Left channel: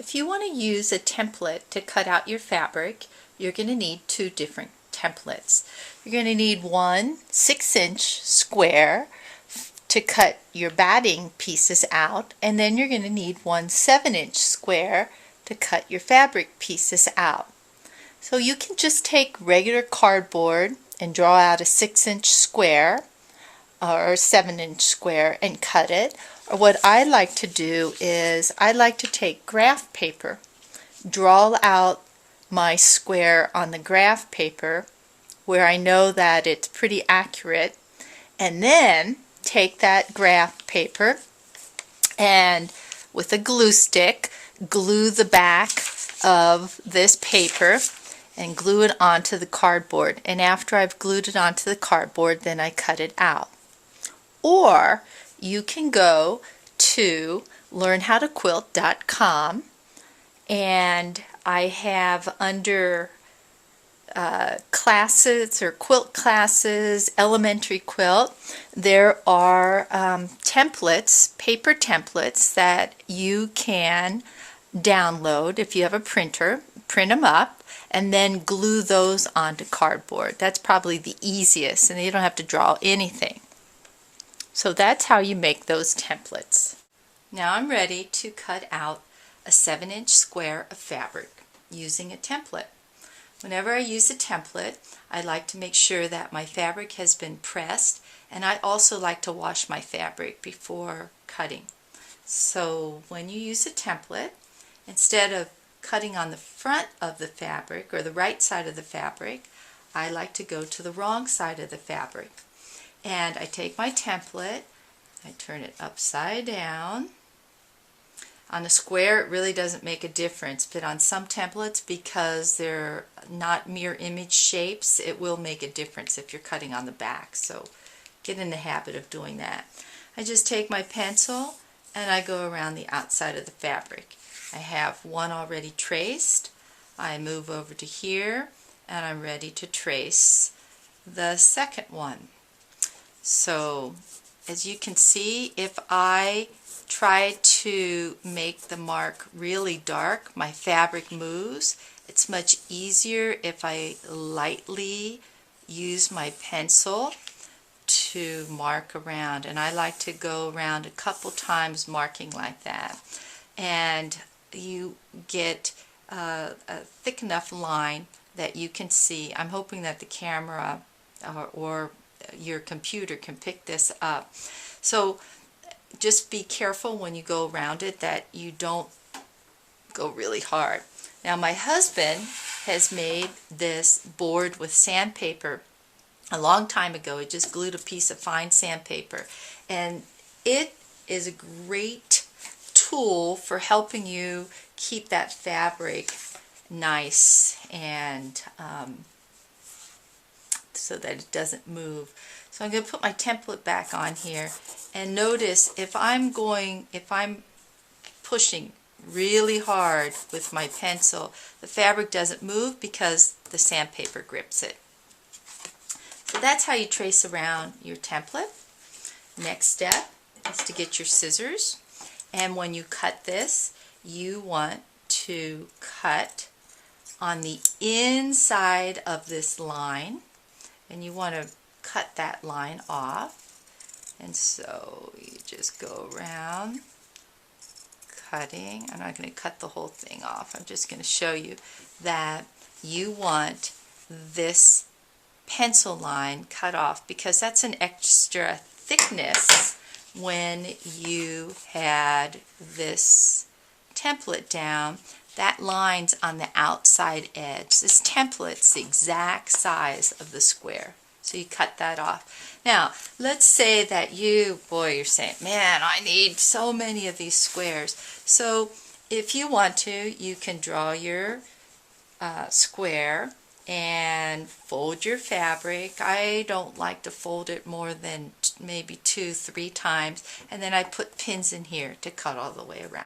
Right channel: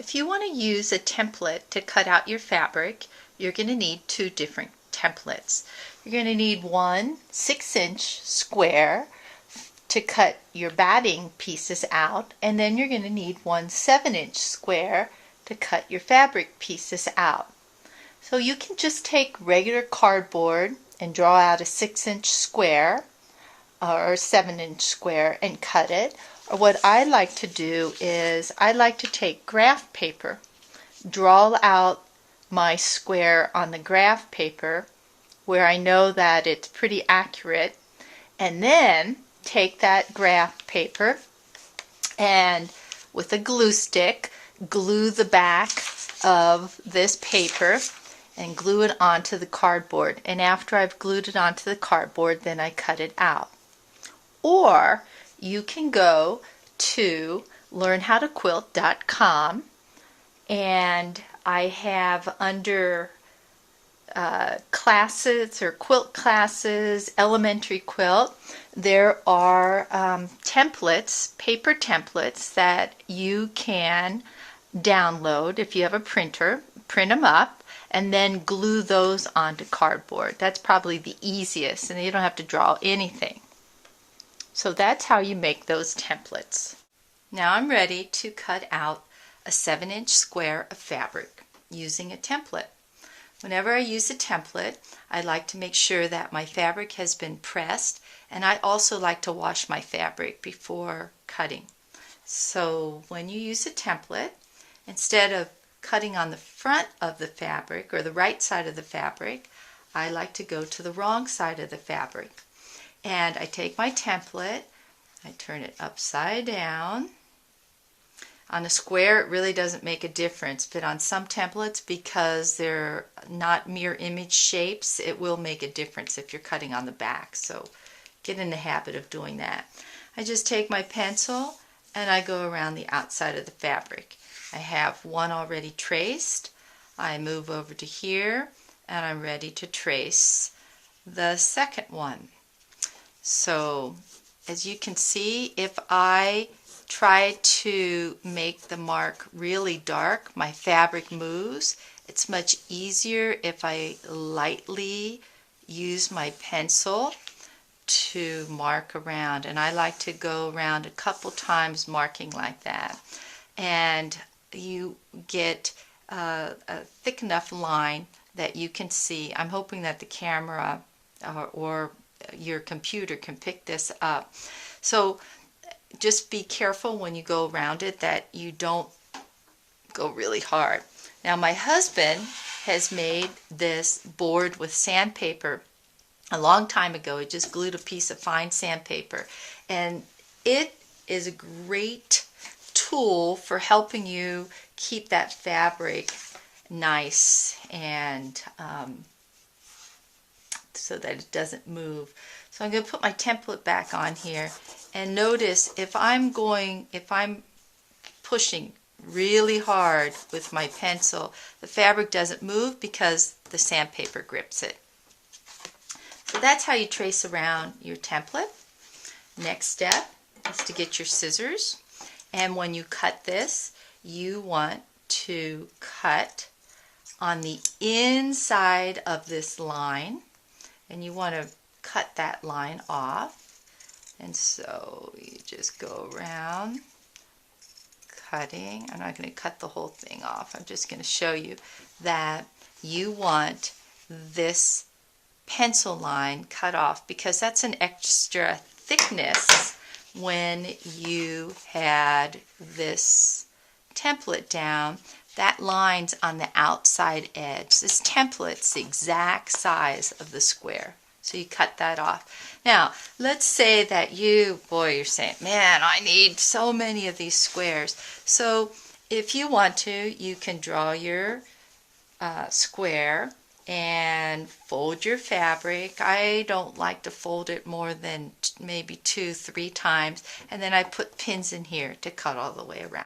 If you want to use a template to cut out your fabric, you're going to need two different templates. You're going to need one 6-inch square to cut your batting pieces out, and then you're going to need one 7-inch square to cut your fabric pieces out. So you can just take regular cardboard and draw out a 6-inch square or a 7-inch square and cut it. Or what I like to do is I like to take graph paper, draw out my square on the graph paper where I know that it's pretty accurate, and then take that graph paper and with a glue stick glue the back of this paper and glue it onto the cardboard. And after I've glued it onto the cardboard, then I cut it out. Or you can go to learnhowtoquilt.com, and I have under classes or quilt classes, elementary quilt, there are templates, paper templates that you can download if you have a printer, print them up, and then glue those onto cardboard. That's probably the easiest, and you don't have to draw anything. So that's how you make those templates. Now I'm ready to cut out a 7-inch square of fabric using a template. Whenever I use a template, I like to make sure that my fabric has been pressed, and I also like to wash my fabric before cutting. So when you use a template, instead of cutting on the front of the fabric or the right side of the fabric, I like to go to the wrong side of the fabric. And I take my template, I turn it upside down. On a square, it really doesn't make a difference, but on some templates, because they're not mirror image shapes, it will make a difference if you're cutting on the back. So get in the habit of doing that. I just take my pencil and I go around the outside of the fabric. I have one already traced. I move over to here and I'm ready to trace the second one. So as you can see, if I try to make the mark really dark, my fabric moves. It's much easier if I lightly use my pencil to mark around, and I like to go around a couple times marking like that, and you get a thick enough line that you can see. I'm hoping that the camera or your computer can pick this up. So just be careful when you go around it that you don't go really hard. Now my husband has made this board with sandpaper a long time ago. He just glued a piece of fine sandpaper, and it is a great tool for helping you keep that fabric nice and so that it doesn't move. So I'm going to put my template back on here, and notice if I'm pushing really hard with my pencil, the fabric doesn't move because the sandpaper grips it. So that's how you trace around your template. Next step is to get your scissors, and when you cut this, you want to cut on the inside of this line, and you want to cut that line off. And so you just go around cutting. I'm not going to cut the whole thing off. I'm just going to show you that you want this pencil line cut off because that's an extra thickness when you had this template down. That line's on the outside edge. This template's the exact size of the square. So you cut that off. Now, let's say that you're saying, man, I need so many of these squares. So if you want to, you can draw your square and fold your fabric. I don't like to fold it more than maybe 2-3 times. And then I put pins in here to cut all the way around.